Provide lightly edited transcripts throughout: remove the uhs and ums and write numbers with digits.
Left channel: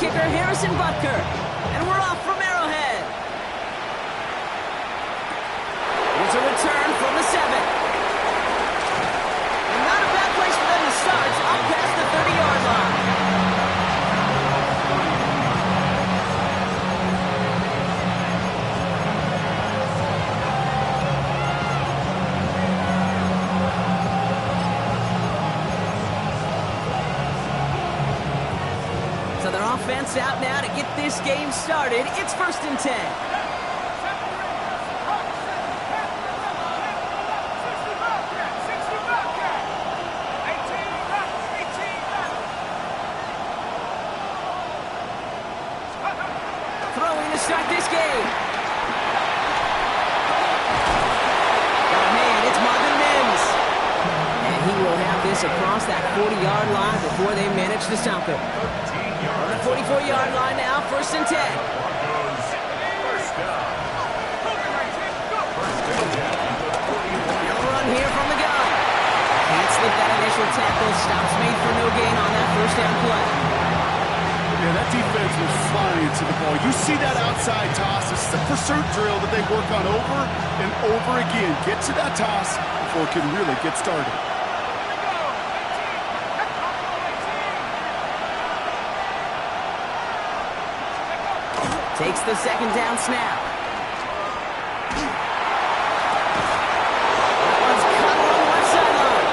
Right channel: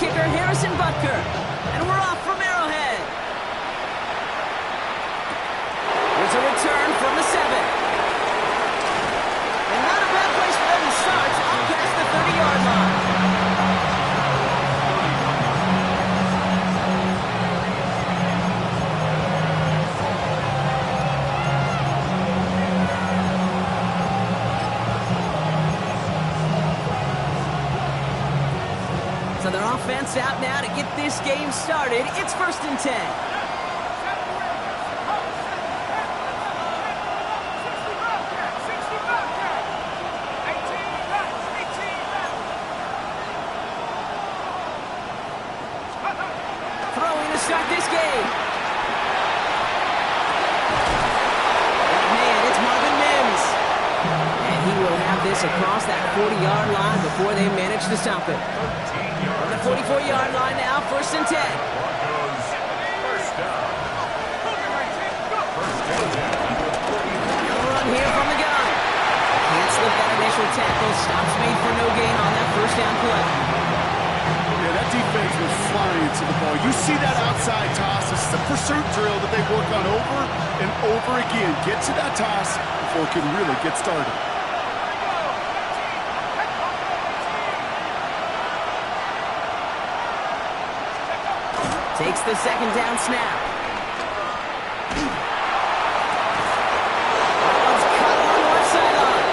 kicker, Harrison Butker. And we're off from Arrowhead. Here's a return from the 7. And not a bad place for them to start, up past the 30-yard line. So their offense out now to get this game started. It's 1st and 10. Throwing to start this game. Got a man, it's Marvin Mims. And he will have this across that 40-yard line before they manage to stop him. On the 44-yard line now, 1st and 10. No run here from the gun. Can't slip that initial tackle. Stops made for no gain on that 1st down play. Yeah, that defense was flying to the ball. You see that outside toss. This is a pursuit drill that they work on over and over again. Get to that toss before it can really get started. Takes the 2nd down snap. That one's cut along the left sideline.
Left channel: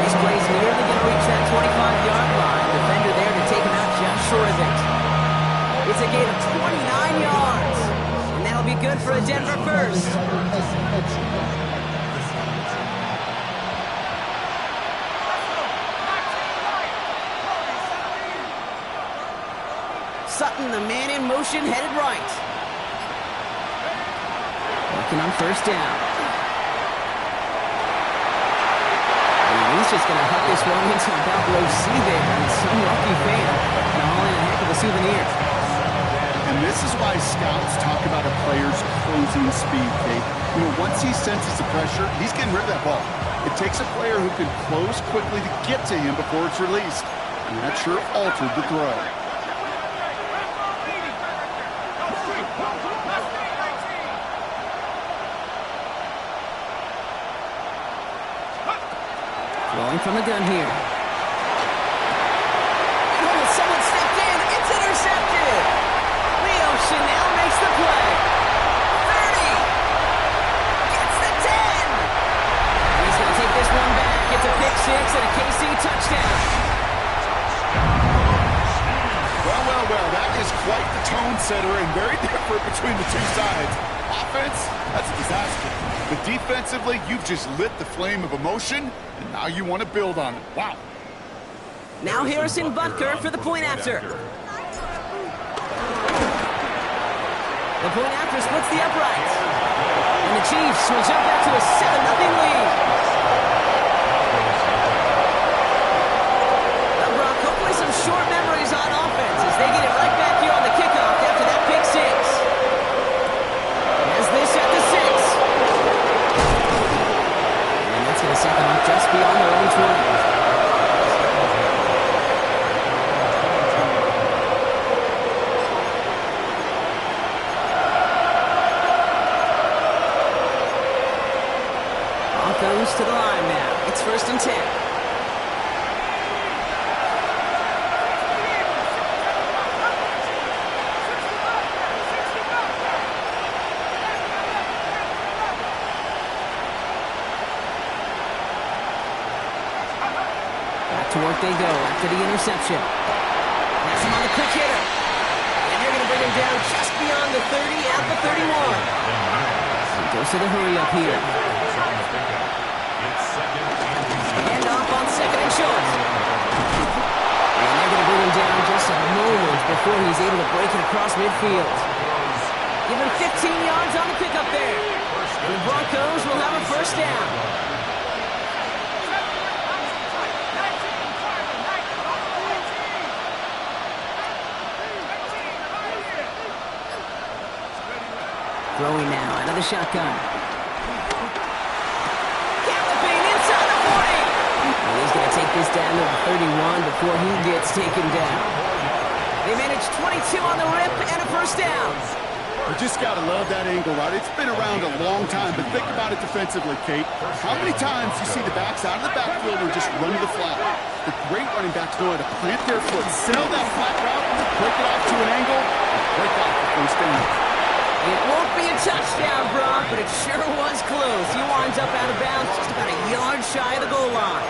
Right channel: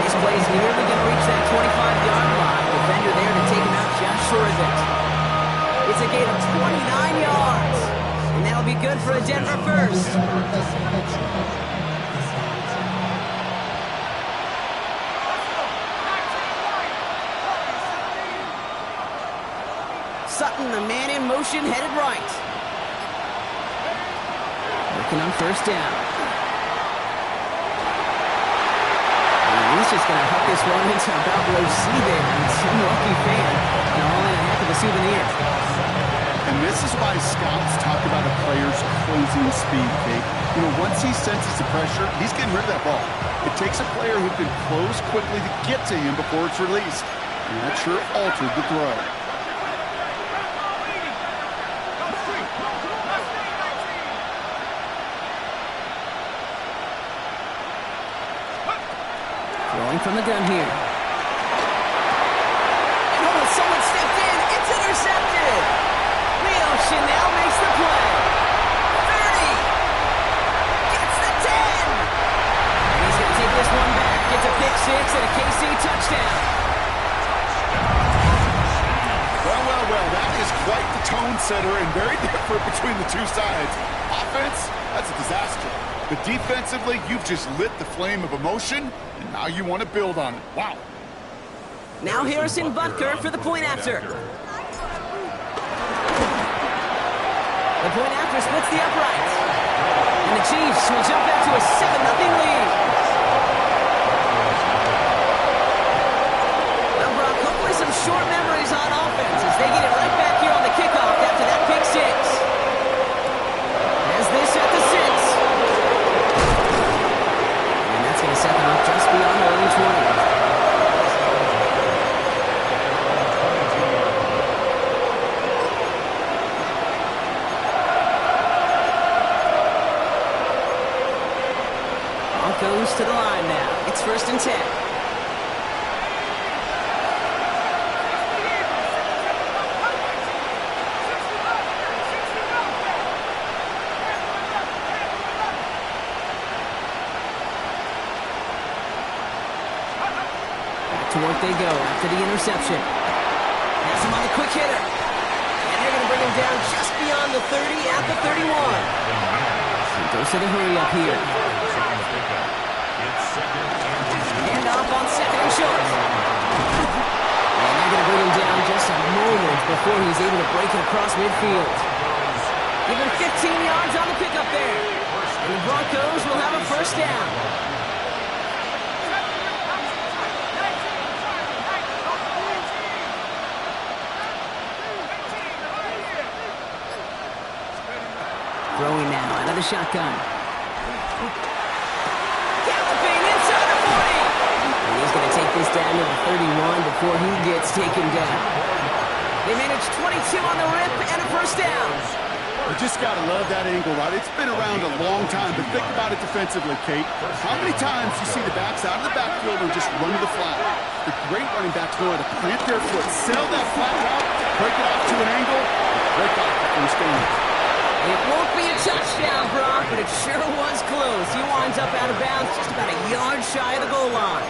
This play's nearly going to reach that 25-yard line. Defender there to take him out just short of it. It's a gain of 29 yards. And that'll be good for a Denver first. Sutton, the man in motion, headed right. Working on 1st down. And he's just going to huck this one into about row C there. And some lucky fan. And all in a heck of a souvenir. And this is why scouts talk about a player's closing speed, Kate. You know, once he senses the pressure, he's getting rid of that ball. It takes a player who can close quickly to get to him before it's released. And that sure altered the throw. Throwing from the gun here. And oh, someone stepped in. It's intercepted. Leo Chanel makes the play. 30. Gets the 10. And he's going to take this one back. It's a pick 6 and a KC touchdown. Well, that is quite the tone setter and very different between the two sides. Offense, that's a disaster. But defensively, you've just lit the flame of emotion, and now you want to build on it. Wow. Now Harrison Butker for the point after. The point after splits the uprights. And the Chiefs will jump out to a 7-0 lead. Well, Brock, hopefully some short memories on offense as they get it right back here on the kickoff after that pick 6. As this at the 6. That's going to set them up just beyond their own 20. Broncos to the line now. It's 1st and 10. To work they go after the interception. Has him on the quick hitter. And they're going to bring him down just beyond the 30 at the 31. Dose of the hurry up here. Hand off on 2nd and short. And they're going to bring him down just a moment before he's able to break it across midfield. Give him 15 yards on the pickup there. And the Broncos will have a 1st down. Throwing now out of the shotgun. Galloping inside the 40. And he's going to take this down to the 31 before he gets taken down. They managed 22 on the rip and a first down. You just got to love that angle, right? It's been around a long time, but think about it defensively, Kate. How many times you see the backs out of the backfield or just run to the flat? The great running backs know how to plant their foot, sail that flat route, break it off to an angle, and break off the first down. It won't be a touchdown, Brock, but it sure was close. He winds up out of bounds just about a yard shy of the goal line.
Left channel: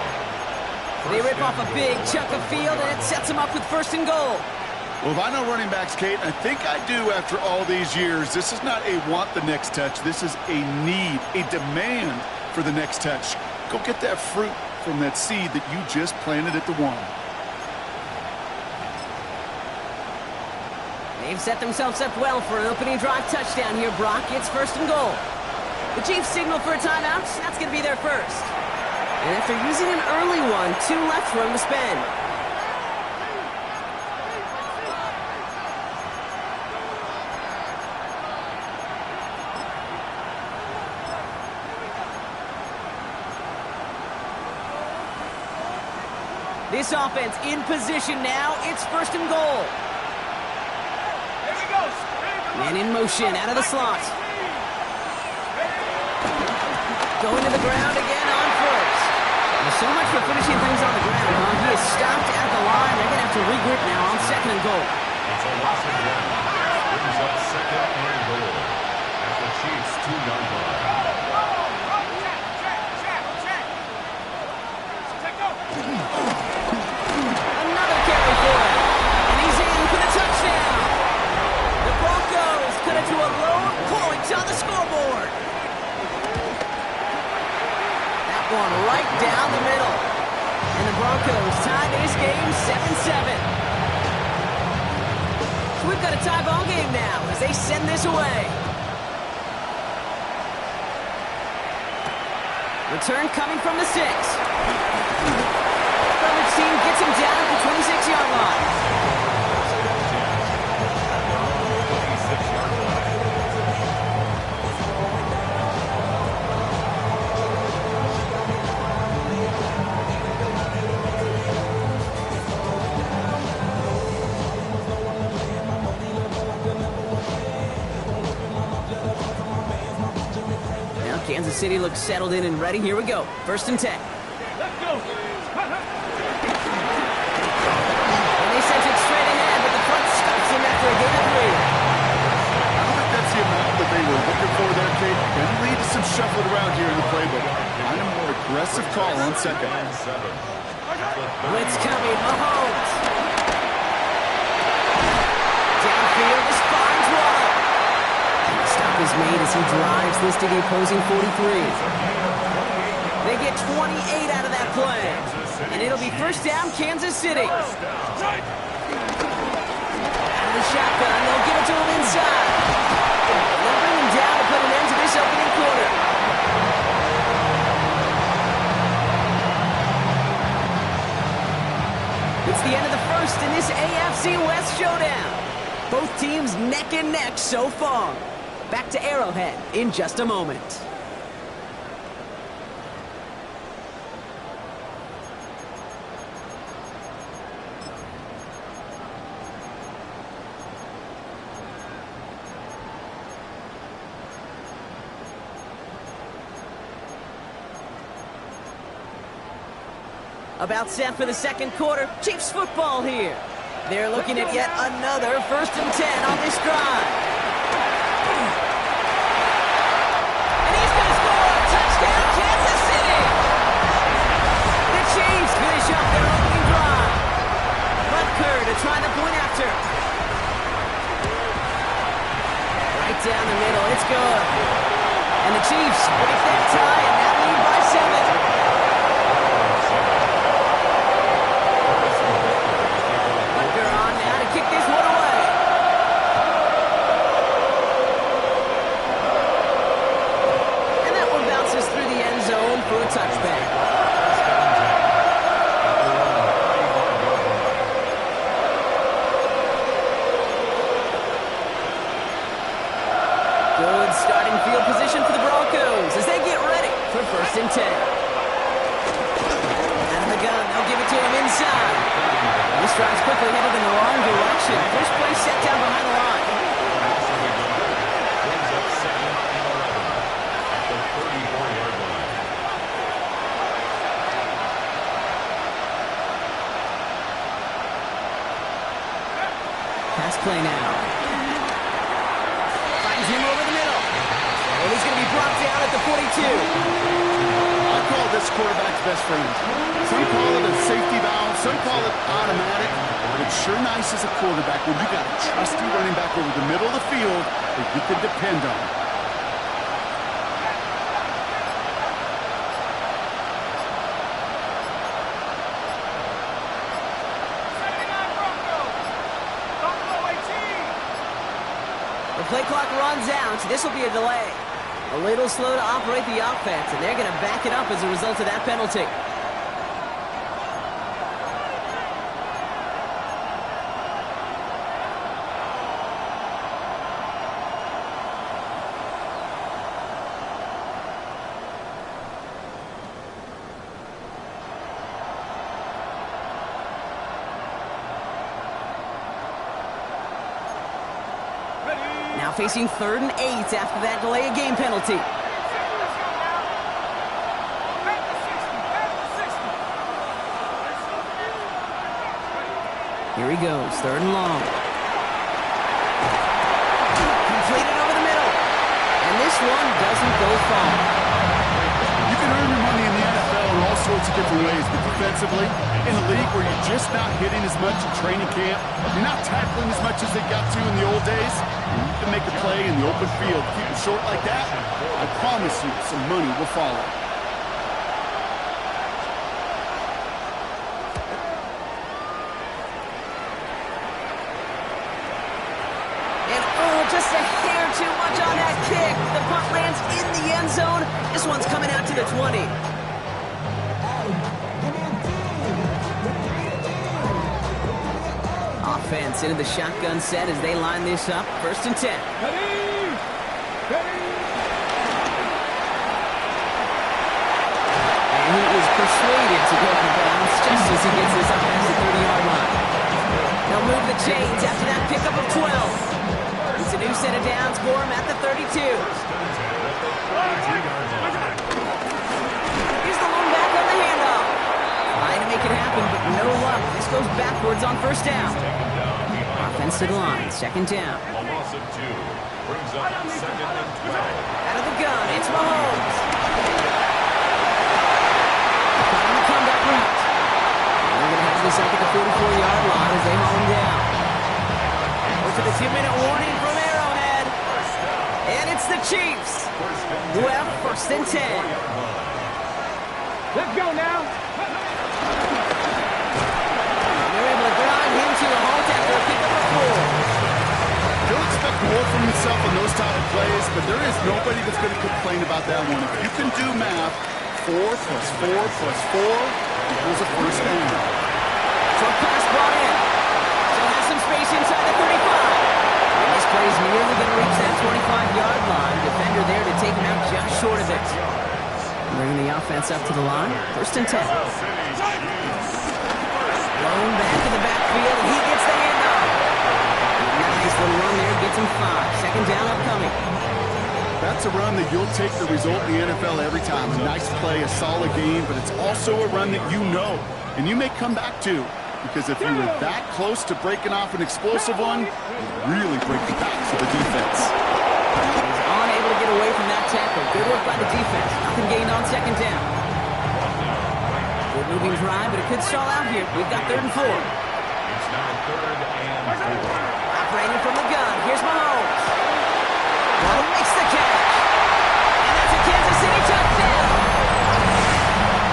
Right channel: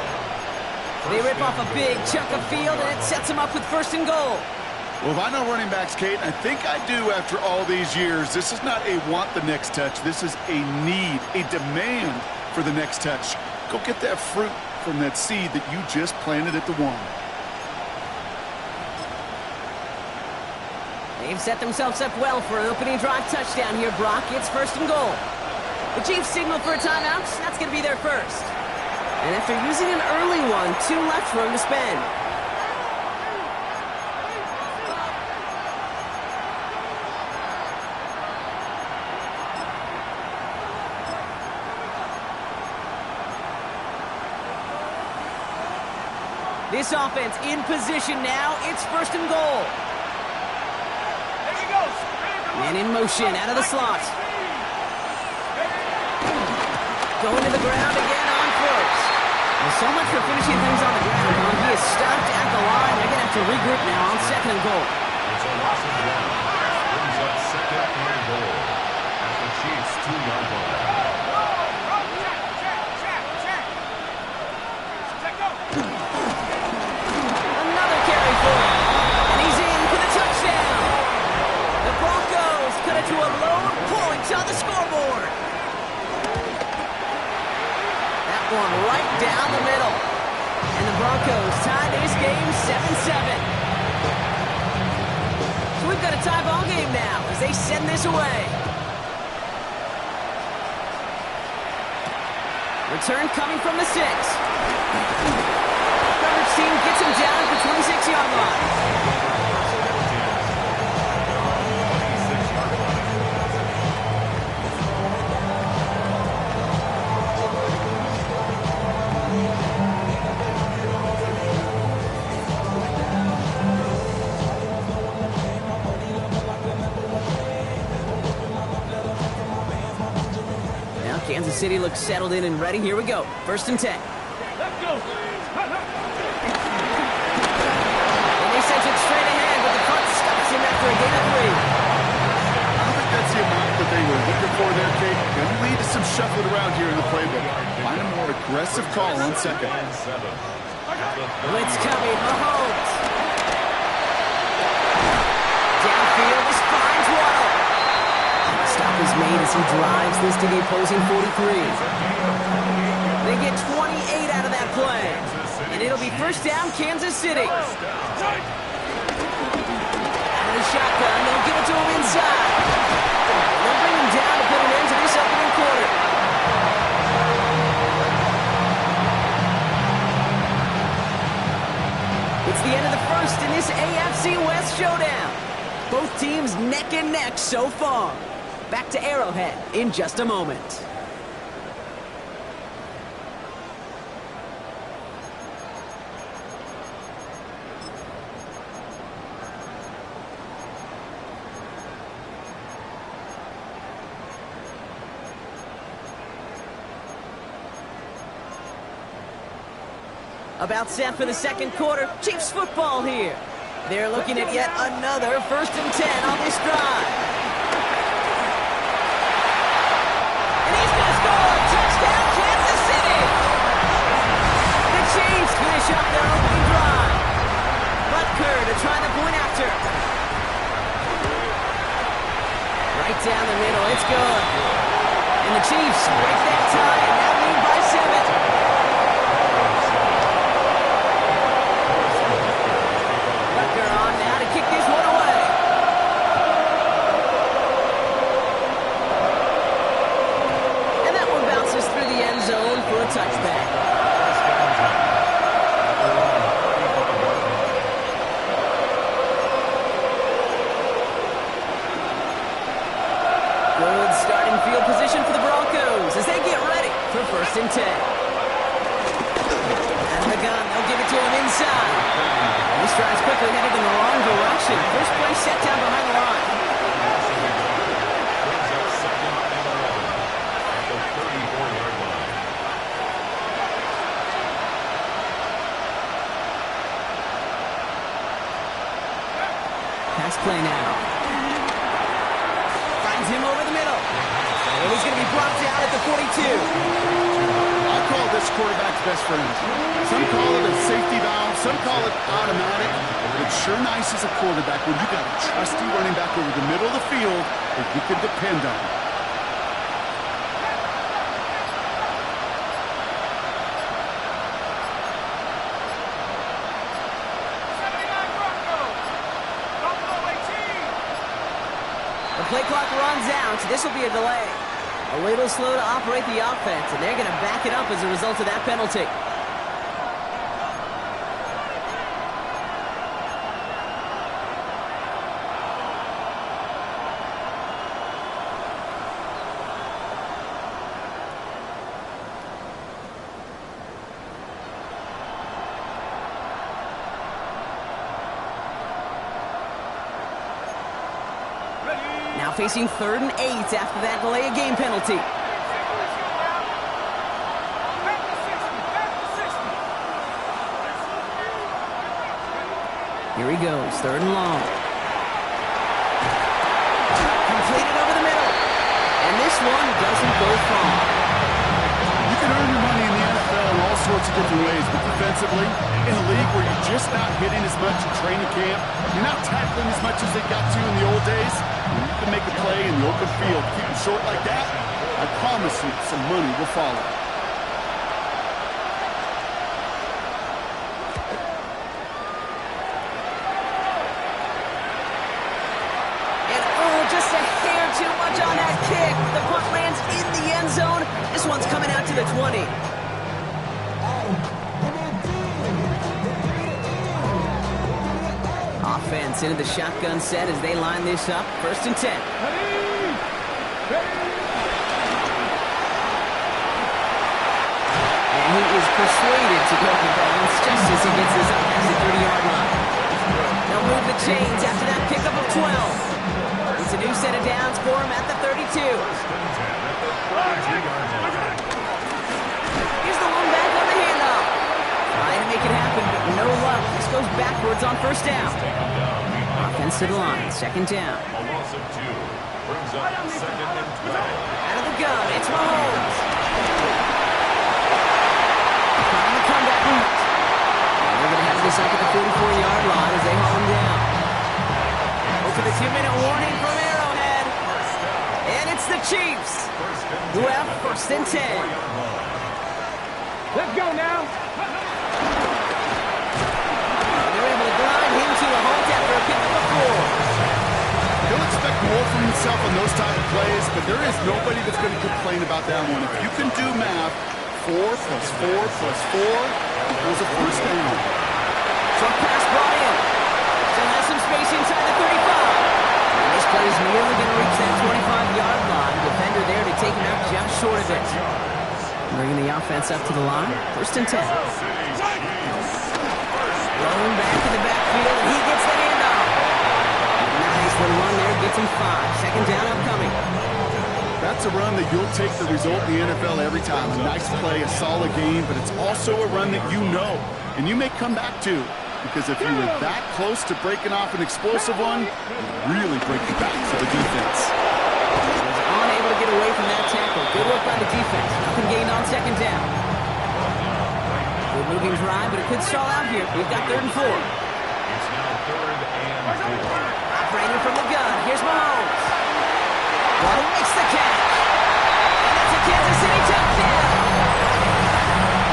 They rip off a big chunk of field, and it sets them up with first and goal. Well, if I know running backs, Kate, I think I do after all these years, this is not a want the next touch. This is a need, a demand for the next touch. Go get that fruit from that seed that you just planted at the one. They've set themselves up well for an opening drive touchdown here, Brock. It's first and goal. The Chiefs signal for a timeout. That's going to be their first. And after using an early one, 2 left for him to spend. This offense in position now. It's first and goal. Man in motion, out of the slot. Going to the ground again on first. Well, so much for finishing things on the ground, huh? He is stopped at the line. They're going to have to regroup now on second and goal. It's a loss of 1. Brings up second and goal at the Chiefs' 2-yard line. Another carry for him. And he's in for the touchdown. The Broncos cut it to a lone point on the scoreboard. That one right down the middle. And the Broncos tie this game 7-7. So we've got a tie ball game now as they send this away. Return coming from the 6. Coverage team gets him down at the 26-yard line. Kansas City looks settled in and ready. Here we go. First and 10. Let's go. And they sent it straight ahead, but the front stops him after a gain of 3. I don't think that's the amount that they were looking for there, Kate. Going to lead to some shuffling around here in the playbook. Find a more aggressive call on second. Blitz coming. Mahomes. Downfield. This finds Waddle. Stop is made as he drives this to the opposing 43. They get 28 out of that play. And it'll be first down, Kansas City. Out of the shotgun, they'll give it to him inside. And they'll bring him down to put an end to this opening quarter. It's the end of the first in this AFC West showdown. Both teams neck and neck so far. Back to Arrowhead in just a moment. About set for the second quarter. Chiefs football here. They're looking at yet another first and 10 on this drive. Touchdown, Kansas City! The Chiefs finish up their opening drive. Butker to try the point after. Right down the middle, it's good. And the Chiefs break that tie and now lead by 7. Butker on now to kick this one away. Bounces through the end zone for a touchback. Good starting field position for the Broncos as they get ready for first and 10. Out of the gun, they'll give it to him inside. This drive's quickly headed in the wrong direction. First play set down behind the line. Brings up 2nd and 11 at the 34-yard line. Pass play now. Finds him over the middle. And he's going to be brought down at the 42. I call this quarterback's best friend. Some call it a safety valve, some call it automatic. It's sure nice as a quarterback when you got a trusty running back over the middle of the field that you can depend on. The play clock runs out. This will be a delay. A little slow to operate the offense, and they're going to back it up as a result of that penalty. Now facing 3rd and 8 after that delay of game penalty. Here he goes, 3rd and long. Completed over the middle. And this one doesn't go far. You can earn your money in the NFL in all sorts of different ways, but defensively, in a league where you're just not hitting as much in training camp, you're not tackling as much as they got to in the old days, and you can make a play in the open field, keep it short like that, I promise you some money will follow. And oh, just a hair too much on that kick. The punt lands in the end zone. This one's coming out to the 20. Offense into the shotgun set as they line this up. 1st and 10. And he is persuaded to go out of bounds just as he gets this up past the 30-yard line. They'll move the chains after that pickup of 12. It's a new set of downs for him at the 32. Here's the lone back on the handoff. Trying to make it happen, but no luck. This goes backwards on 1st down. Offense to the line, 2nd down. A loss of 2 brings up 2nd and 12. Out of the gun, it's Mahomes. Caught on the comeback route. And they're going to have this up at the 44-yard line as they haul him down. To the 2-minute warning from Arrowhead. And it's the Chiefs who have 1st and 10. Let's go now. And they're able to grind him to a halt after a pickup of 4. He'll expect more from himself on those type of plays, but there is nobody that's going to complain about that one. If you can do math, 4 plus 4 plus 4 equals a 1st down. Short pass brought in. Still has some space inside the 35. And this play is nearly going to reach that 25-yard line. Defender there to take him out just short of it. Bringing the offense up to the line. 1st and 10. Thrown back in the backfield, and he gets the handoff. Nice little run there, gets him 5. 2nd down upcoming. That's a run that you'll take the result in the NFL every time. A nice play, a solid game, but it's also a run that you know, and you may come back to. Because if you were that close to breaking off an explosive one, you really break the backs of the defense. He's unable to get away from that tackle. Good work by the defense. Nothing gained on 2nd down. Good moving drive, but it could stall out here. We've got 3rd and 4. It's now 3rd and 4. Operating from the gun. Here's Mahomes. Waddle makes the catch. And that's a Kansas City touchdown.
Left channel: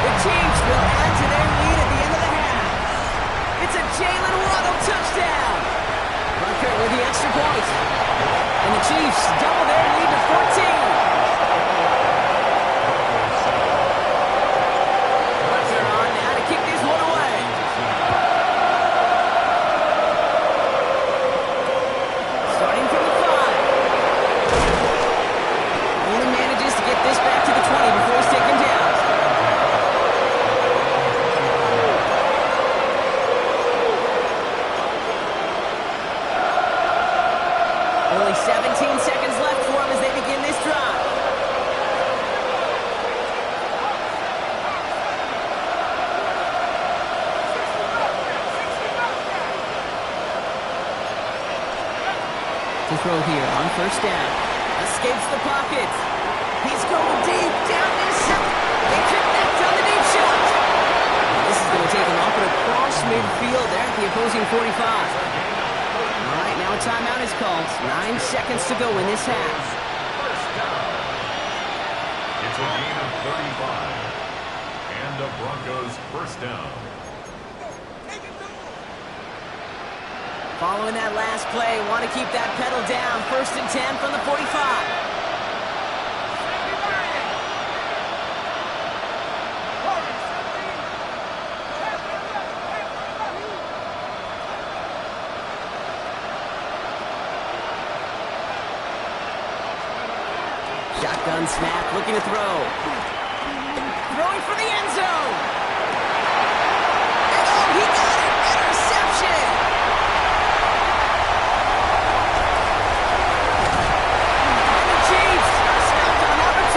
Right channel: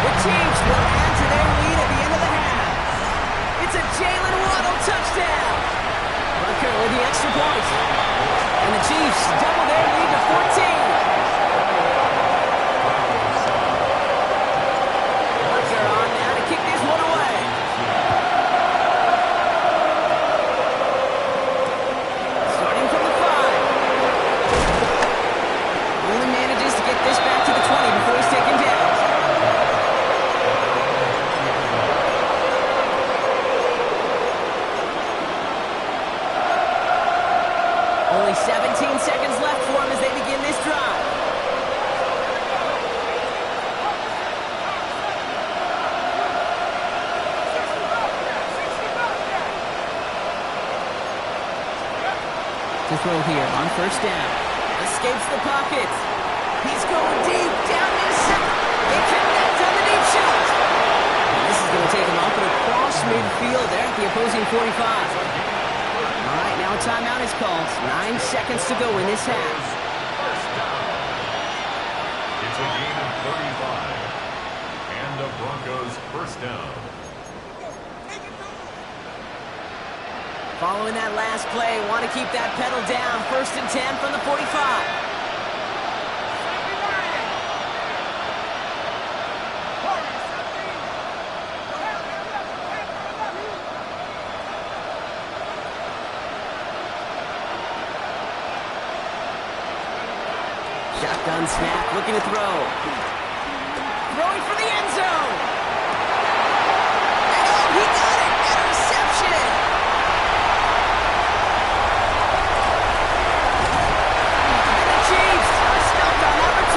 The Chiefs will add to their lead at the end of the half. It's a Jalen Waddle touchdown. Butker with the extra point. And the Chiefs double their lead to 14. Butker on now to kick this one away. Starting from the 5. Only manages to get this back to the 20 before he's taken down. 17 seconds left for them as they begin this drive. To throw here on first down. Escapes the pocket. He's going deep. Down to his second. They connect on the deep shot. And this is going to take him off and across midfield there at the opposing 45. All right, now a timeout is called. 9 seconds to go in this half. First down. It's a gain of 35. And the Broncos first down. Following that last play, want to keep that pedal down. 1st and 10 from the 45. Shotgun snap, looking to throw. Throwing for the end zone. And oh, he got it. Interception.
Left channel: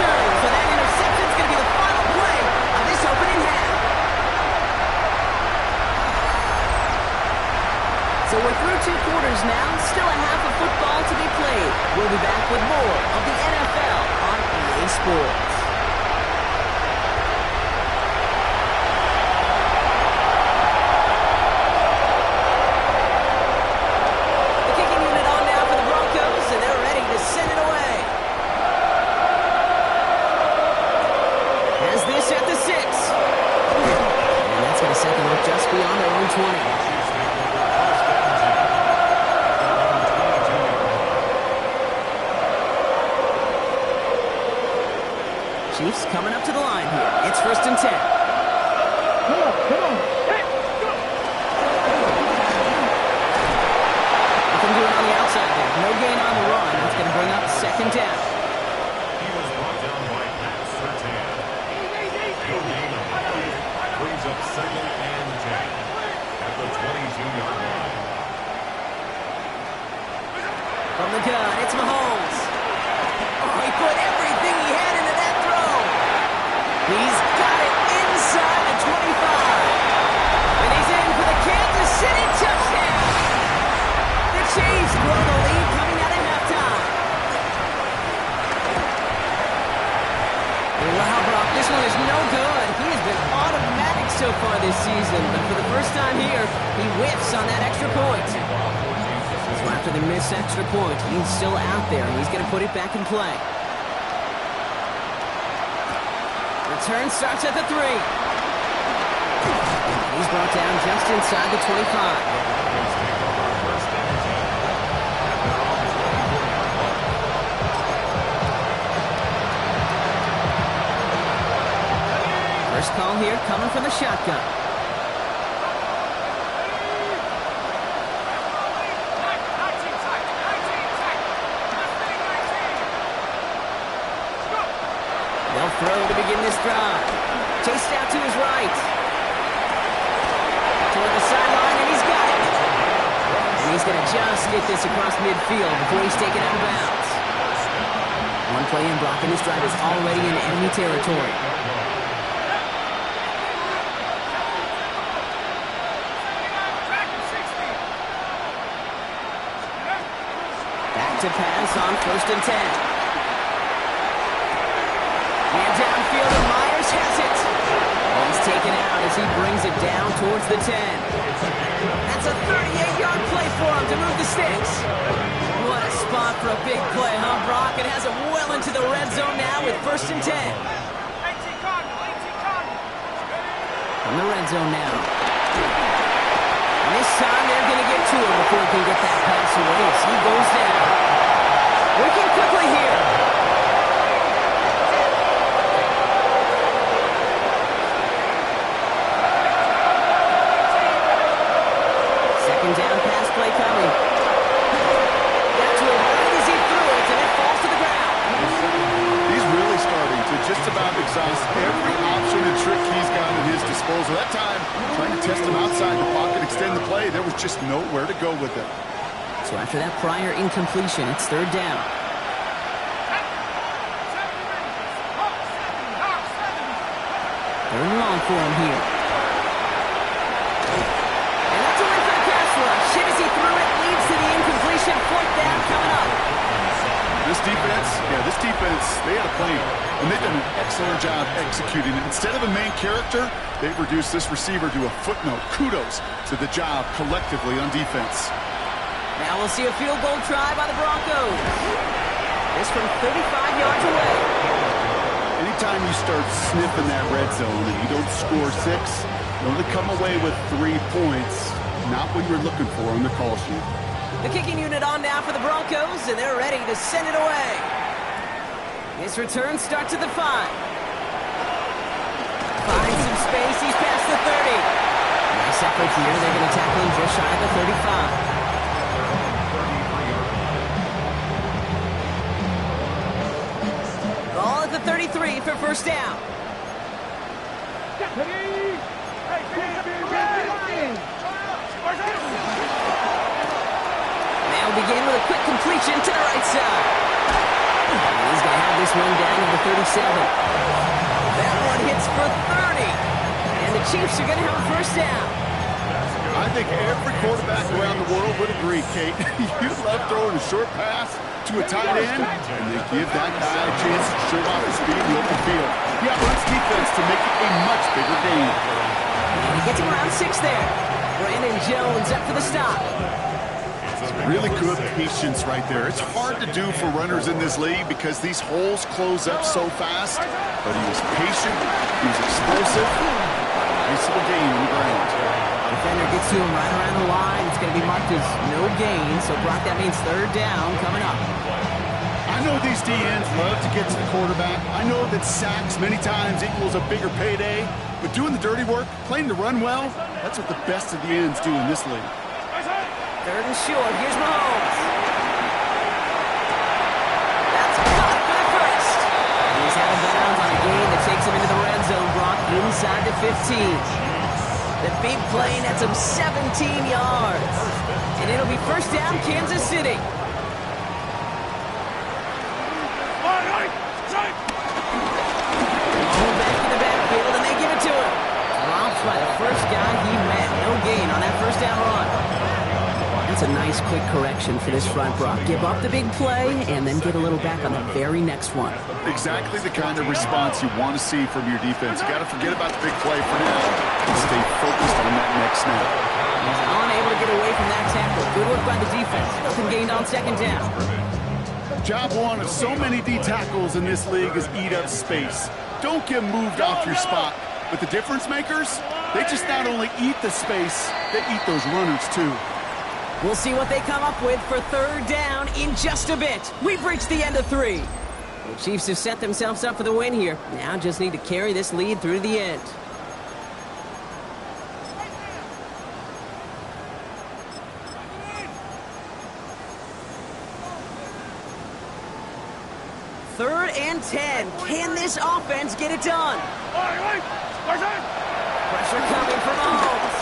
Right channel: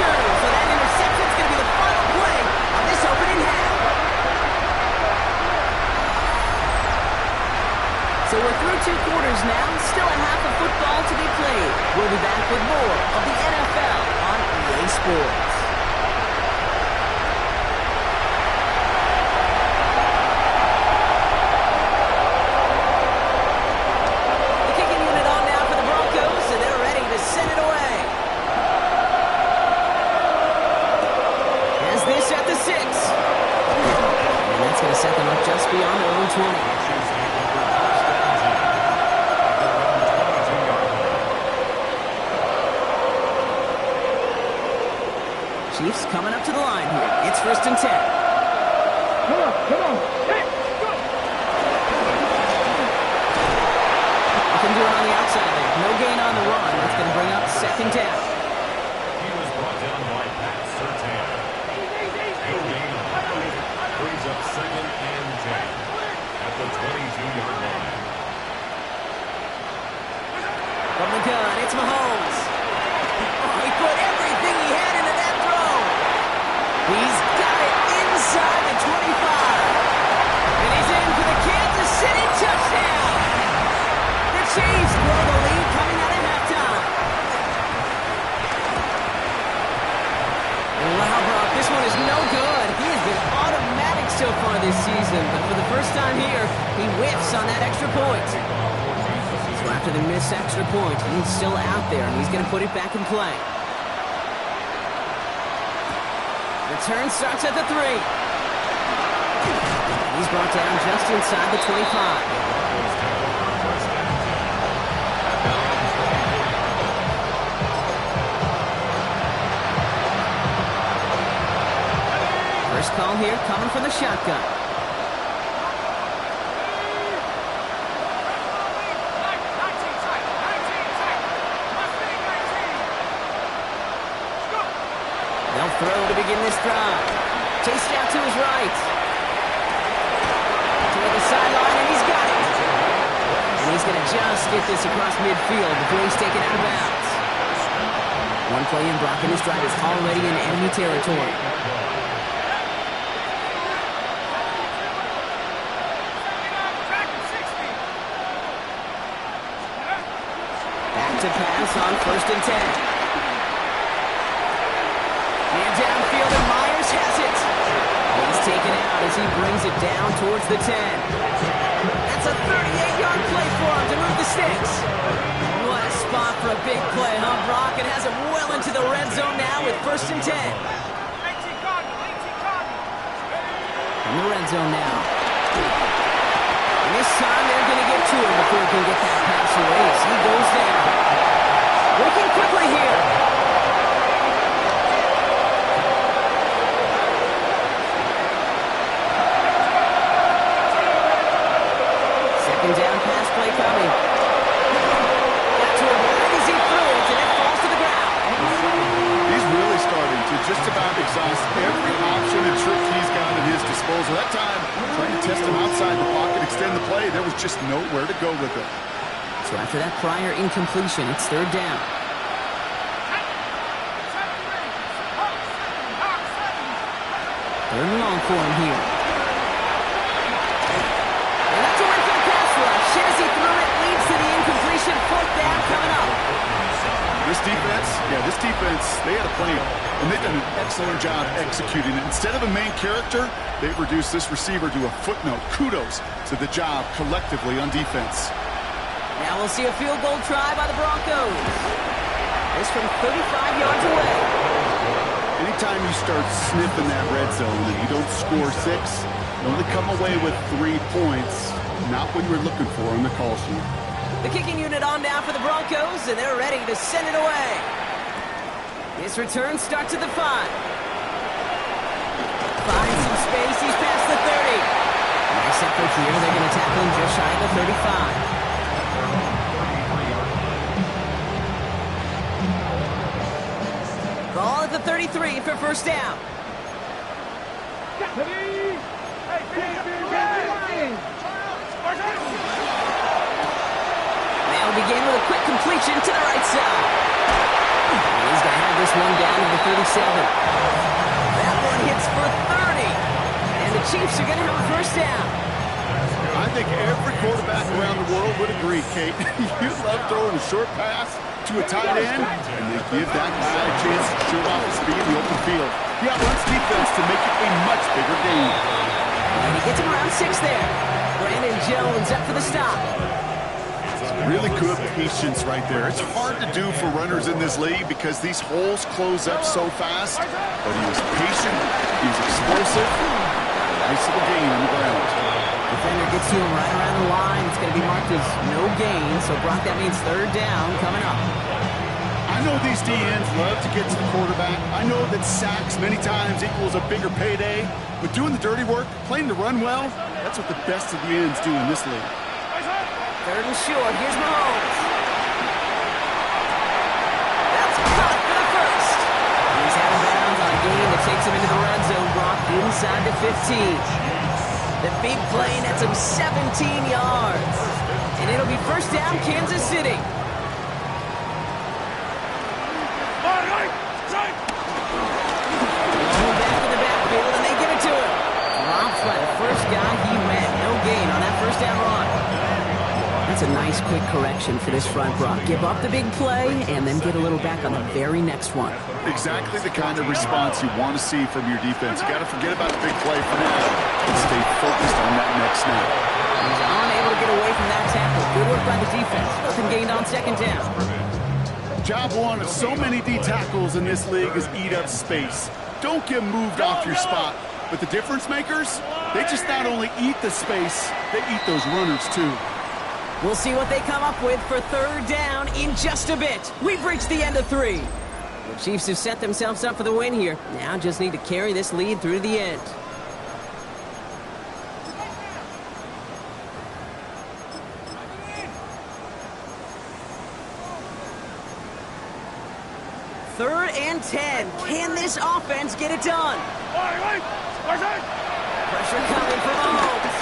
So that interception is going to be the final play of this opening half. So we're through 2 quarters now. Still a half of football to be played. We'll be back with more of the NFL on EA Sports. The kicking unit on now for the Broncos, and they're ready to send it away. As this at the 6. And that's going to set them up just beyond their own 20. Chiefs coming up to the line here. It's 1st and 10. Come on. Hey, go! Nothing doing on the outside there. No gain on the run. That's going to bring up 2nd down. He was brought down by Pat Surtain. No gain on the play. Brings up 2nd and 10 at the 22-yard line. From the gun, it's Mahomes. Oh, he put everything he had into that throw. He's got it inside the 25. And he's in for the Kansas City touchdown. The Chiefs grow the lead coming out of halftime. Wow, Brock, this one is no good. He has been automatic so far this season, but for the first time here, he whiffs on that extra point. So after the missed extra point, he's still out there, and he's going to put it back in play. Return starts at the 3. He's brought down just inside the 25. First call here coming from the shotgun. They'll throw to begin this drive. Chased out to his right. Toward the sideline, and he's got it. And he's going to just get this across midfield before he's taken out of bounds. One play in, Brock, and this drive is already in enemy territory. To pass on 1st and 10. Man downfield, and Myers has it. Oh, he's taken out as he brings it down towards the 10. That's a 38-yard play for him to move the sticks. What a spot for a big play, huh, Brock? It has it well into the red zone now with 1st and 10. From the red zone now. And this time they're going to get to him before he can get that pass away as he goes down. Working quickly here. Second down pass play coming. Got to him right as he threw it, and it falls to the ground. He's really starting to just about exhaust every option and trick he's got at his disposal. That time, trying to test him outside the pocket, extend the play, there was just nowhere to go with it. So after that prior incompletion, it's third down. Third and long for him here. And that's a win for the pass rush. Shit as he threw it, leads to the incompletion. Fourth down coming up. This defense, they had a plan, and they've done an excellent job executing it. Instead of a main character, they've reduced this receiver to a footnote. Kudos to the job collectively on defense. Now we'll see a field goal try by the Broncos. This from 35 yards away. Anytime you start sniffing that red zone and you don't score 6, you only come away with 3 points. Not what you were looking for on the call sheet. The kicking unit on now for the Broncos, and they're ready to send it away. His return starts at the 5. Finds some space. He's past the 30. Nice effort here. They're going to tackle him just shy of the 35. Ball at the 33 for first down. They'll begin with a quick completion to the right side. And he's going to have this one down to the 37. That one hits for 30. And the Chiefs are going to have a first down. I think every quarterback around the world would agree, Kate. You love throwing a short pass to a tight end, and they give that guy a chance to show off his speed in the open field. He outruns defense to make it a much bigger game. And he gets him around 6 there. Brandon Jones up for the stop. Really good patience right there. It's hard to do for runners in this league because these holes close up so fast. But he was patient. He was explosive. Nice little gain on the ground. Defender gets to him right around the line. It's going to be marked as no gain. So, Brock, that means third down coming up. I know these DNs love to get to the quarterback. I know that sacks many times equals a bigger payday. But doing the dirty work, playing to run well, that's what the best of the ends do in this league. Third and short. Here's Mahomes. That's caught for the first. He's out of bounds on a gain that takes him into the red zone, Brock, inside the 15. The big play nets him 17 yards. And it'll be first down, Kansas City. Long back in the backfield, and they give it to him. Drops by the first guy he met. No gain on that first down run. That's a nice quick correction for this front, Brock. Give up the big play and then get a little back on the very next one. Exactly the kind of response you want to see from your defense. You got to forget about the big play for now and stay focused on that next snap. He's unable to get away from that tackle. Good work by the defense. Nothing gained on second down. Job one of so many D tackles in this league is eat up space. Don't get moved off your spot. But the difference makers, they just not only eat the space, they eat those runners too. We'll see what they come up with for third down in just a bit. We've reached the end of 3. The Chiefs have set themselves up for the win here. Now just need to carry this lead through to the end. Third and 10. Can this offense get it done? Pressure coming from Mahomes.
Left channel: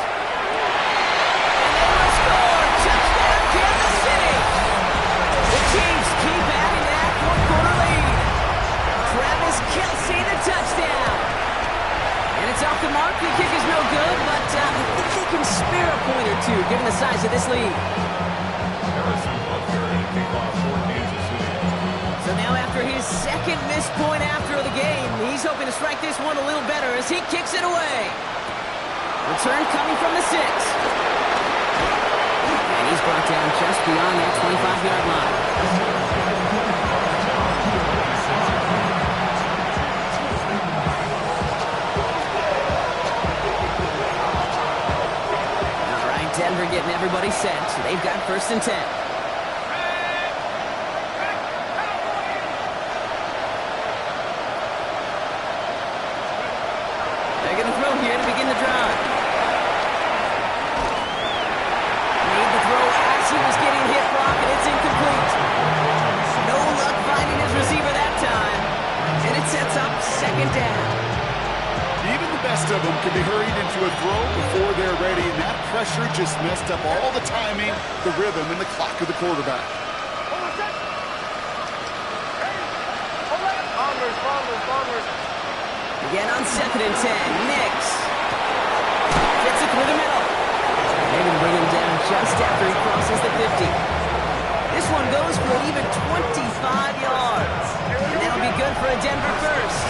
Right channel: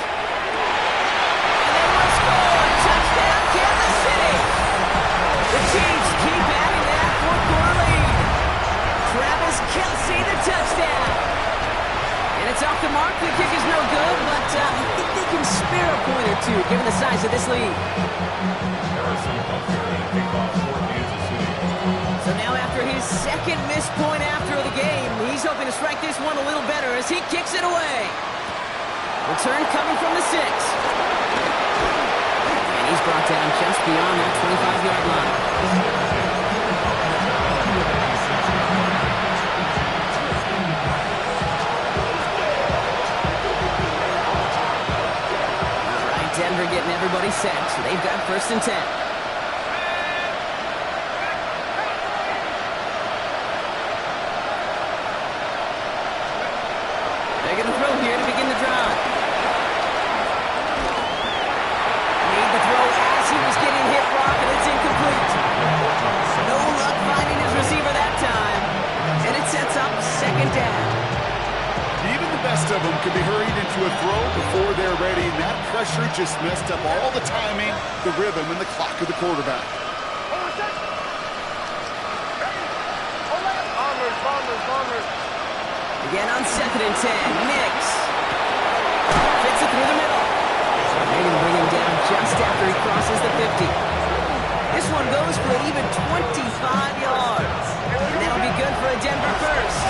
And they will score. Touchdown, Kansas City. The Chiefs keep adding to that fourth-quarter lead. Travis Kelce, the touchdown. And it's off the mark. The kick is no good, but I think they can spare a point or two, given the size of this lead. Harrison Butker and a kickoff for Kansas City. So now after his second missed point after the game, he's hoping to strike this one a little better as he kicks it away. Return coming from the 6. And he's brought down just beyond that 25-yard line. All right, Denver getting everybody set. So they've got first and 10. They're going to throw here to begin the drive. Made the throw as he was getting hit, Brock, and it's incomplete. No luck finding his receiver that time. And it sets up second down. Even the best of them can be hurried into a throw before they're ready, and that pressure just messed up all the timing, the rhythm, and the clock of the quarterback. Bombers. Again on 2nd and 10. Nix fits it through the middle. They're going to bring him down just after he crosses the 50. This one goes for an even 25 yards. And that'll be good for a Denver first.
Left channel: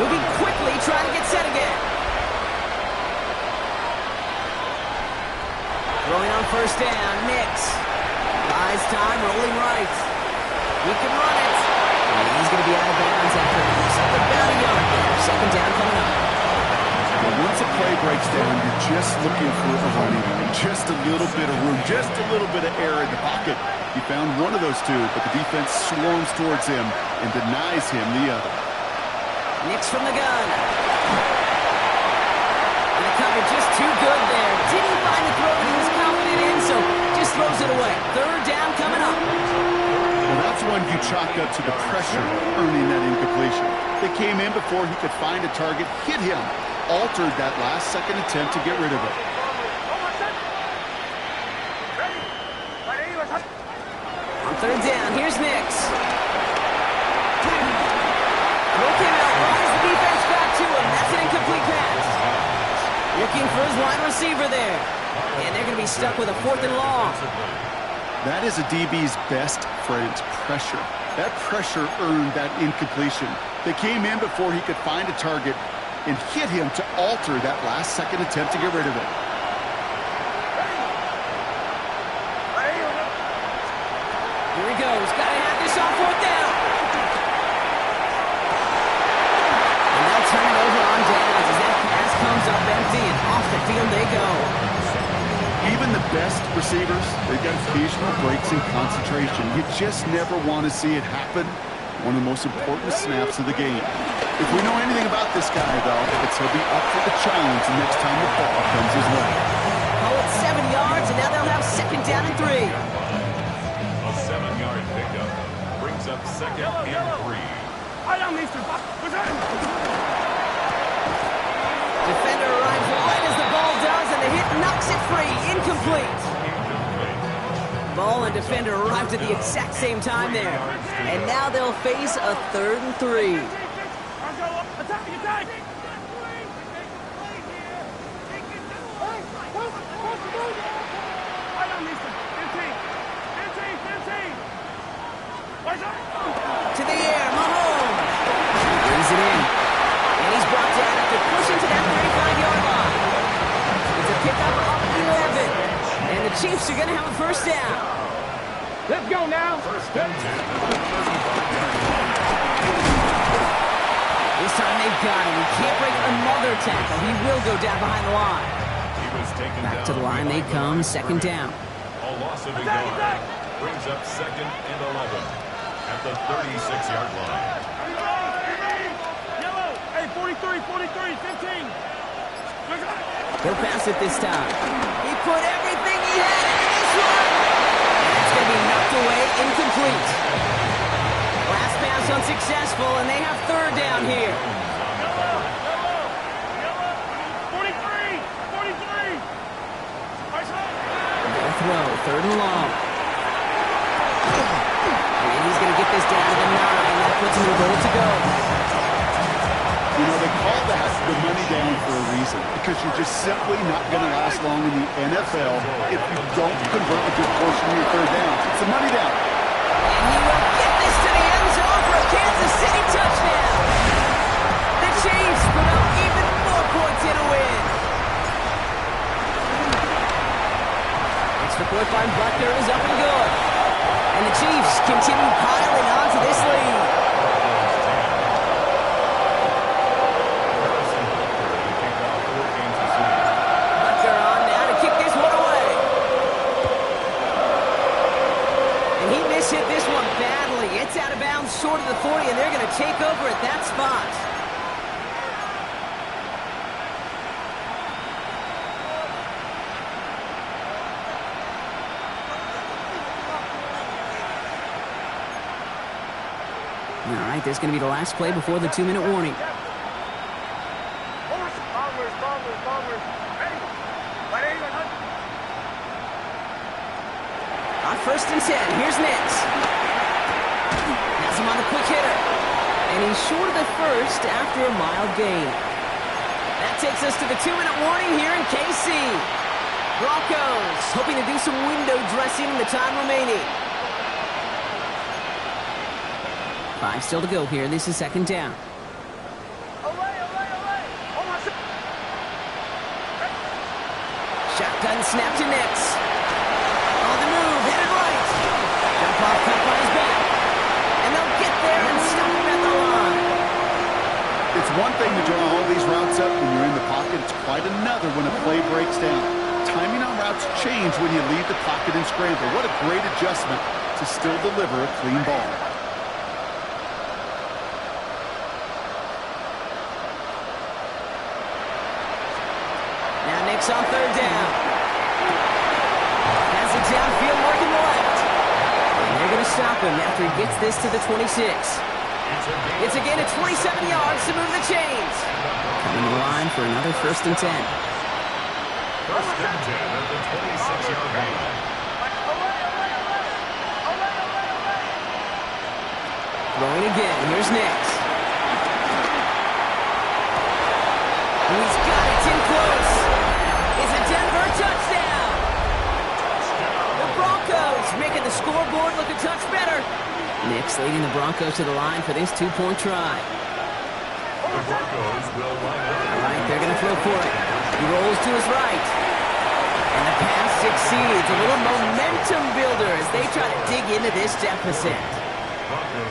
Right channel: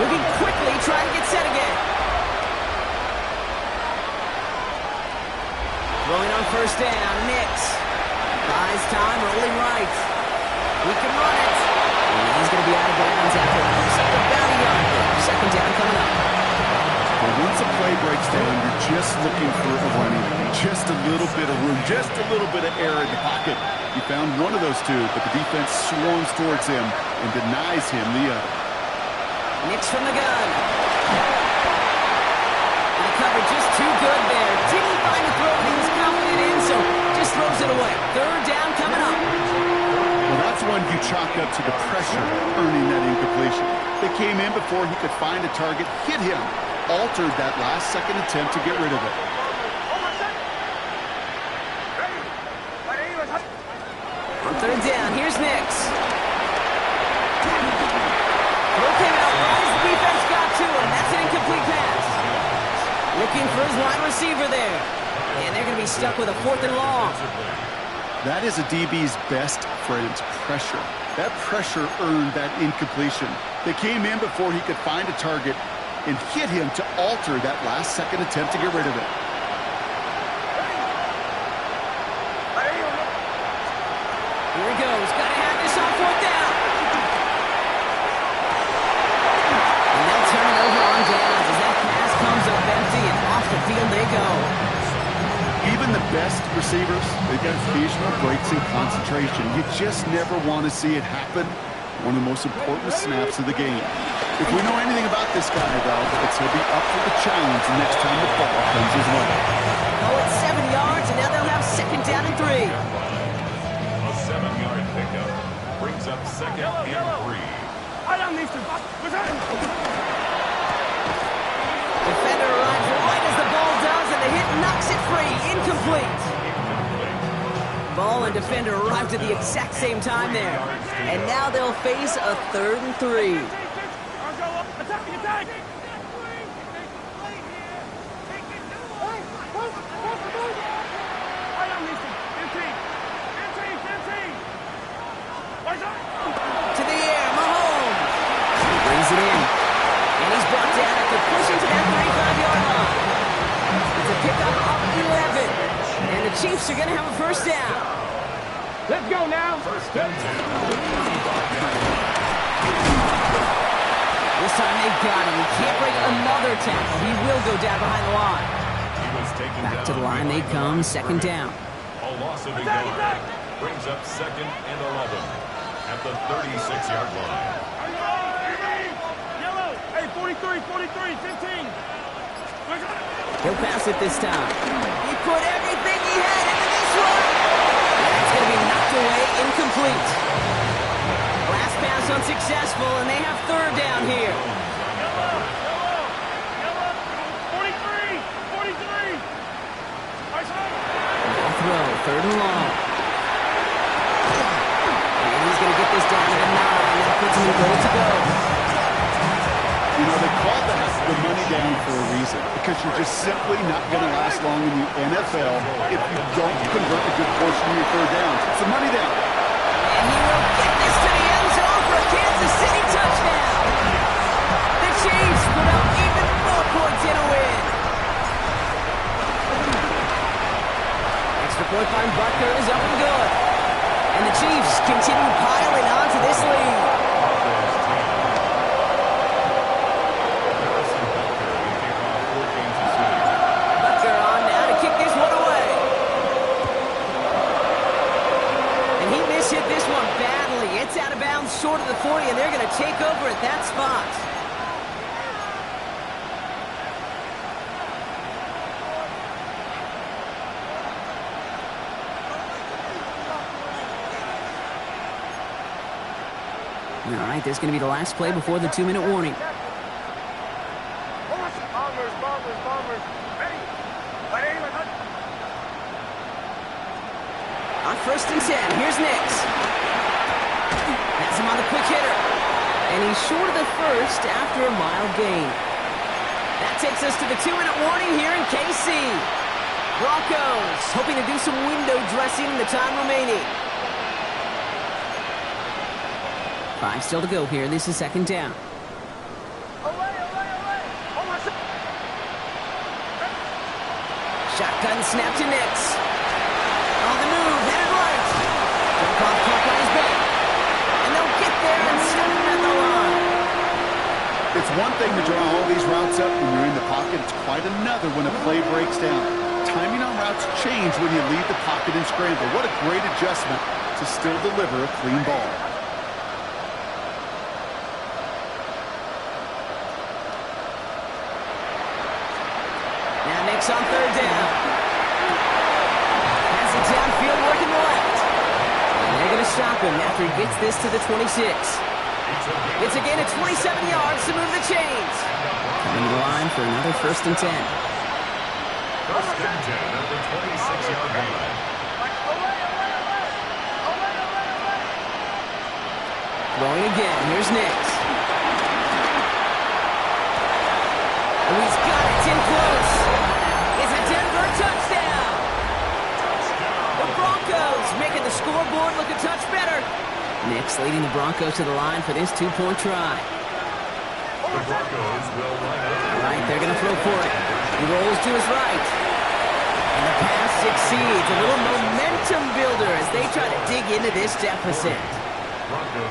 Moving quickly, trying to get set again. Throwing on 1st down. Nix buys time, rolling right. He can run it. And he's going to be out of bounds after something about a yard there. 2nd down coming up. Well, once a play breaks down, you're just looking for a running room. Just a little bit of room, just a little bit of air in the pocket. You found one of those two, but the defense swarms towards him and denies him the other. Nix from the gun. And the cover just too good there. Didn't find the throw that he was confident in, so just throws it away. 3rd down coming up. Well, that's one you chalk up to the pressure earning that incompletion. They came in before he could find a target, hit him, altered that last-second attempt to get rid of it. On 3rd down, here's Nix. Throw came out right as the defense got to him. That's an incomplete pass. Looking for his wide receiver there. And they're going to be stuck with a 4th and long. That is a DB's best friend, pressure. That pressure earned that incompletion. They came in before he could find a target and hit him to alter that last-second attempt to get rid of it. Here he goes. Got to have this on 4th down. And they'll turn it over on downs as that pass comes up empty and off the field they go. Even the best receivers, they've got occasional breaks in concentration. You just never want to see it happen. One of the most important snaps of the game. If we know anything about this guy, though, it's he'll be up for the challenge the next time the ball comes his way. Call it 7 yards, and now they'll have 2nd down and 3. A 7-yard pickup brings up 2nd and 3. Defender arrives right as the ball does, and the hit knocks it free. Incomplete. Ball and defender arrived at the exact same time there. And now they'll face a 3rd and 3. Attack! To the air, Mahomes. He brings it in. And he's brought down after pushing to that 35-yard line. It's a pickup of 11. And the Chiefs are going to have a 1st down. Let's go now. 1st and 10 at the 35-yard line. This time they've got him. He can't break another tackle. He will go down behind the line. He was taken Back down to the line they come, 2nd down. A loss of a yard brings up 2nd and 11 at the 36-yard line. Yellow. Hey, 43, 15. He'll pass it this time. He put everything he had into this one. And it's going to be knocked away, incomplete. Last pass unsuccessful, and they have 3rd down here. Yellow. 43. They'll throw, 3rd and long. And he's going to get this down to the 9. That puts him in goal to go. You know, they call that the money down for a reason, because you're just simply not going to last long in the NFL if you don't convert a good portion of your 3rd downs. It's the money down. And he will get this to the end zone for a Kansas City touchdown. The Chiefs put up even more points in a win. Extra point by Butker is up and good. And the Chiefs continue piling on to this lead. Butker on now to kick this one away. And he mishit this one badly. It's out of bounds short of the 40, and they're going to take over at that spot. All right, this is going to be the last play before the 2-minute warning. Bombers. Ready? On 1st and 10, here's Nix. Has him on the quick hitter. And he's short of the first after a mild gain. That takes us to the 2-minute warning here in KC. Broncos hoping to do some window dressing in the time remaining. 5 still to go here. This is 2nd down. Shotgun snap to Nix. On the move, headed right. Jump off caught by his back. And they'll get there and stop him at the line. It's one thing to draw all these routes up when you're in the pocket. It's quite another when a play breaks down. Timing on routes change when you leave the pocket and scramble. What a great adjustment to still deliver a clean ball. Now Nix on 3rd down. Has it downfield working the left. And they're going to stop him after he gets this to the 26. It's a gain of 27 yards to move the chains. Coming to the line for another 1st and 10. 1st and 10 at the 26-yard line. Throwing again. Here's Nix. And he's got it. It's in close. It's a Denver touchdown. The Broncos making the scoreboard look a touch better. Nix leading the Broncos to the line for this 2-point try. The Broncos will line up. All right, they're going to throw for it. He rolls to his right. And the pass succeeds. A little momentum builder as they try to dig into this deficit.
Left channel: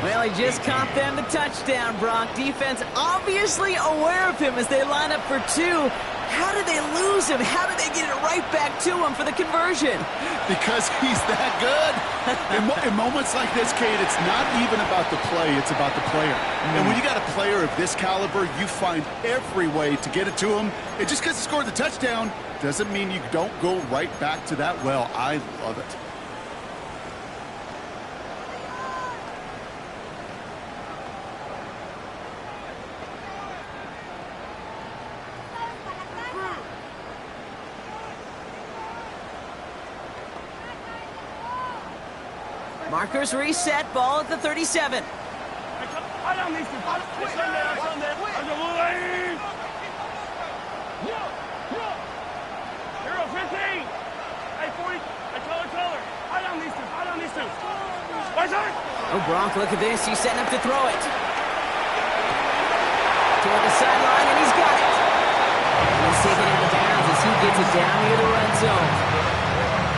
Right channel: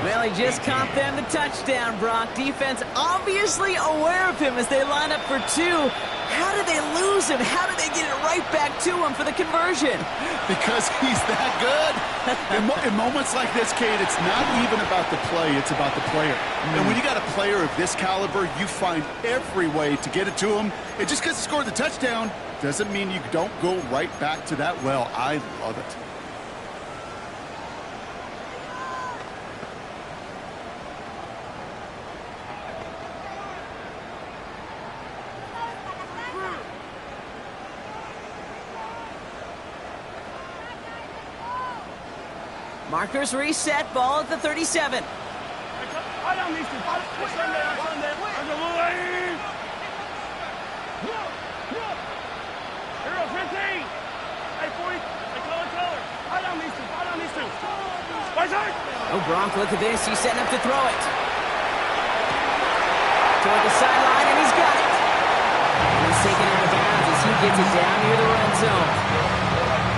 Well, he just caught them the touchdown, Brock. Defense obviously aware of him as they line up for 2. How did they lose him? How did they get it right back to him for the conversion? Because he's that good. In moments like this, Kate, it's not even about the play, it's about the player. And when you got a player of this caliber, you find every way to get it to him. And just because he scored the touchdown doesn't mean you don't go right back to that well. I love it. Markers reset, ball at the 37. High down these two. It's Sunday. Hero 15. Hey, 40. Hey, color. High down these two. Right side. Oh, Brock, look at this. He's setting up to throw it. Toward the sideline, and he's got it. And he's taken out of bounds as he gets it down near the red zone.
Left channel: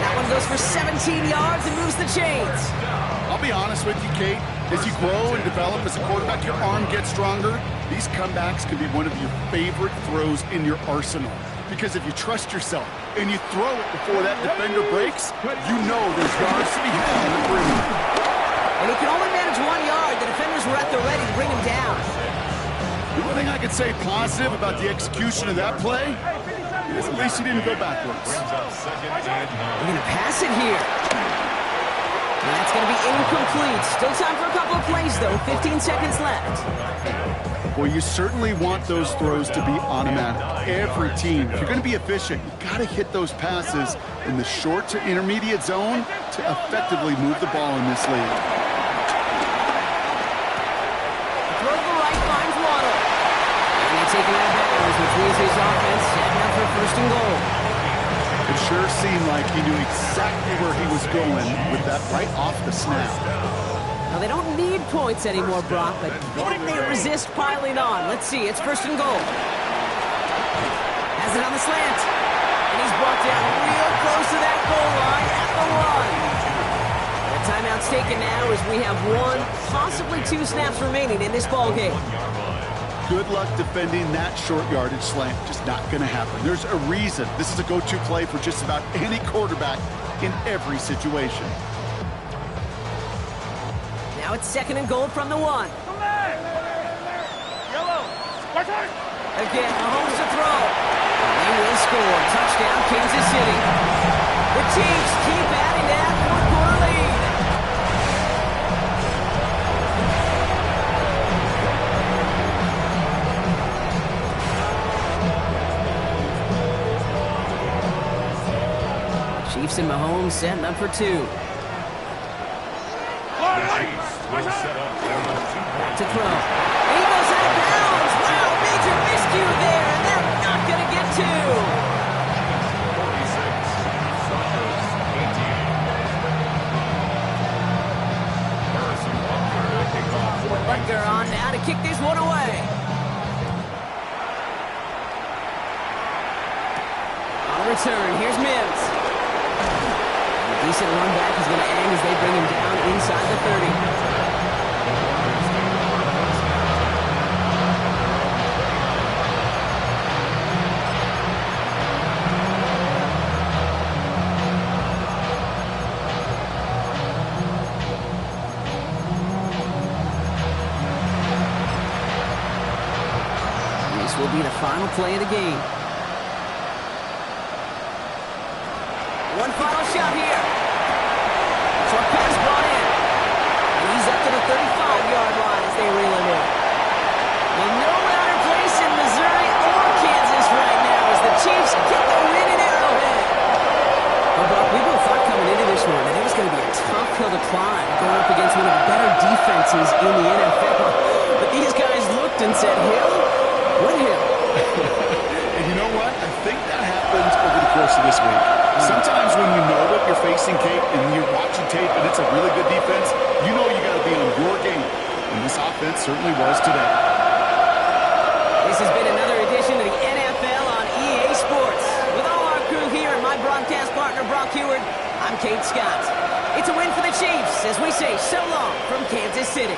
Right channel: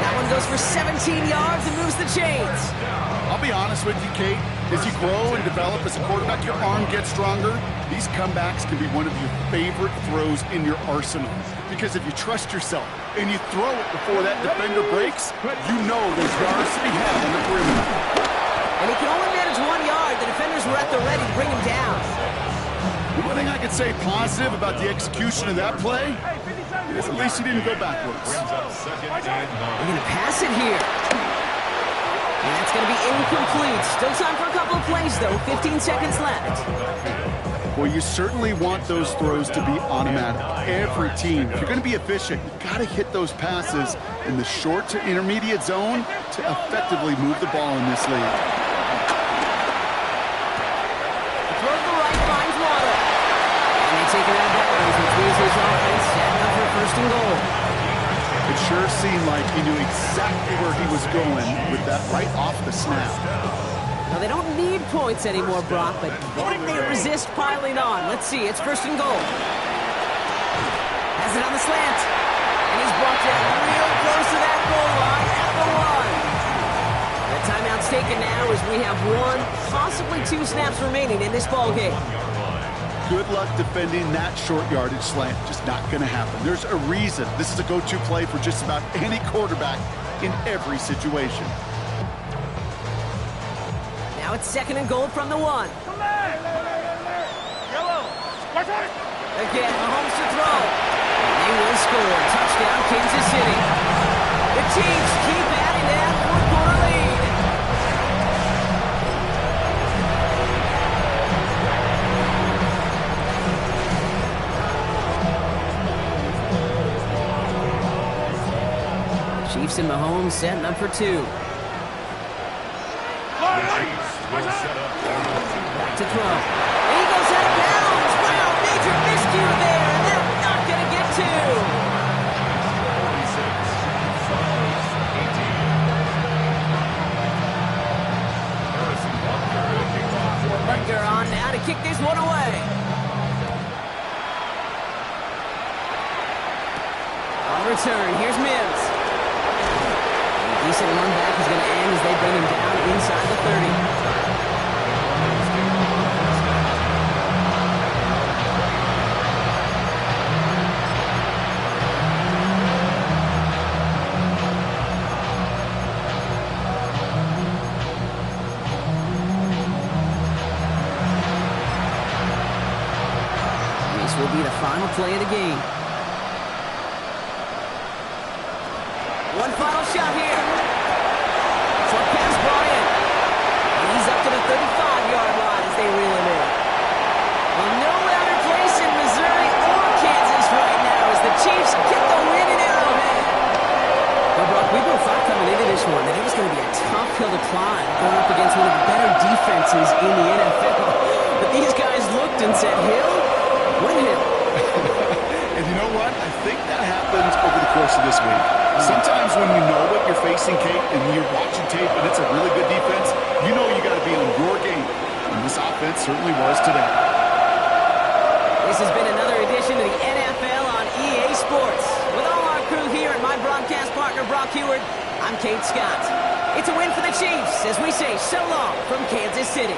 That one goes for 17 yards and moves the chains. I'll be honest with you, Kate. As you grow and develop as a quarterback, your arm gets stronger. These comebacks can be one of your favorite throws in your arsenal. Because if you trust yourself and you throw it before that defender breaks, you know there's yards to be had on the perimeter. And he can only manage 1 yard. The defenders were at the ready to bring him down. The one thing I could say positive about the execution of that play is at least he didn't go backwards. We're going to pass it here. And that's going to be incomplete. Still time for a couple of plays, though. 15 seconds left. Well, you certainly want those throws to be automatic. Every team, if you're going to be efficient, you got to hit those passes in the short to intermediate zone to effectively move the ball in this league. The throw to the right finds Waddle. And they take him out of bounds, which means his offense setting up for 1st and goal. It sure seemed like he knew exactly where he was going with that right off the snap. Now, they don't need points anymore, Brock, but can they resist piling on? Let's see. It's 1st and goal. Has it on the slant. And he's brought down real close to that goal line at the 1. The timeout's taken now as we have 1, possibly 2 snaps remaining in this ballgame. Good luck defending that short yardage slant. Just not going to happen. There's a reason this is a go-to play for just about any quarterback in every situation. Now it's 2nd and goal from the 1. Come back. Yellow. Right side. Again, Mahomes to throw. And they will score. Touchdown, Kansas City. The Chiefs keep adding to that 4th-quarter lead. Chiefs and Mahomes setting up for two. The Chiefs will set up for the 2-point To throw. And he goes out of bounds. Wow, major miscue there, and they're not going to get two. 46, Broncos 18. Harrison Butker to kick off for Butker on now to kick this one away. On return, here's Mims. A decent run back is going to end as they bring him down inside the 30. This will be the final play of the game. One final shot here. Short pass brought in. And he's up to the 35-yard line as they reel him in. Well, no louder place in Missouri or Kansas right now as the Chiefs get the win in Arrowhead. Well, Brock, we both thought coming into this one that it was going to be a tough hill to climb going up against one of the better defenses in the NFL. But these guys looked and said, Hill? What hill? And you know what? I think that happens over the course of this week. Sometimes when you know what you're facing, Kate, and you're watching tape and it's a really good defense, you know you got to be on your game. And this offense certainly was today. This has been another edition of the NFL on EA Sports. With all our crew here and my broadcast partner, Brock Heward, I'm Kate Scott. It's a win for the Chiefs as we say so long from Kansas City.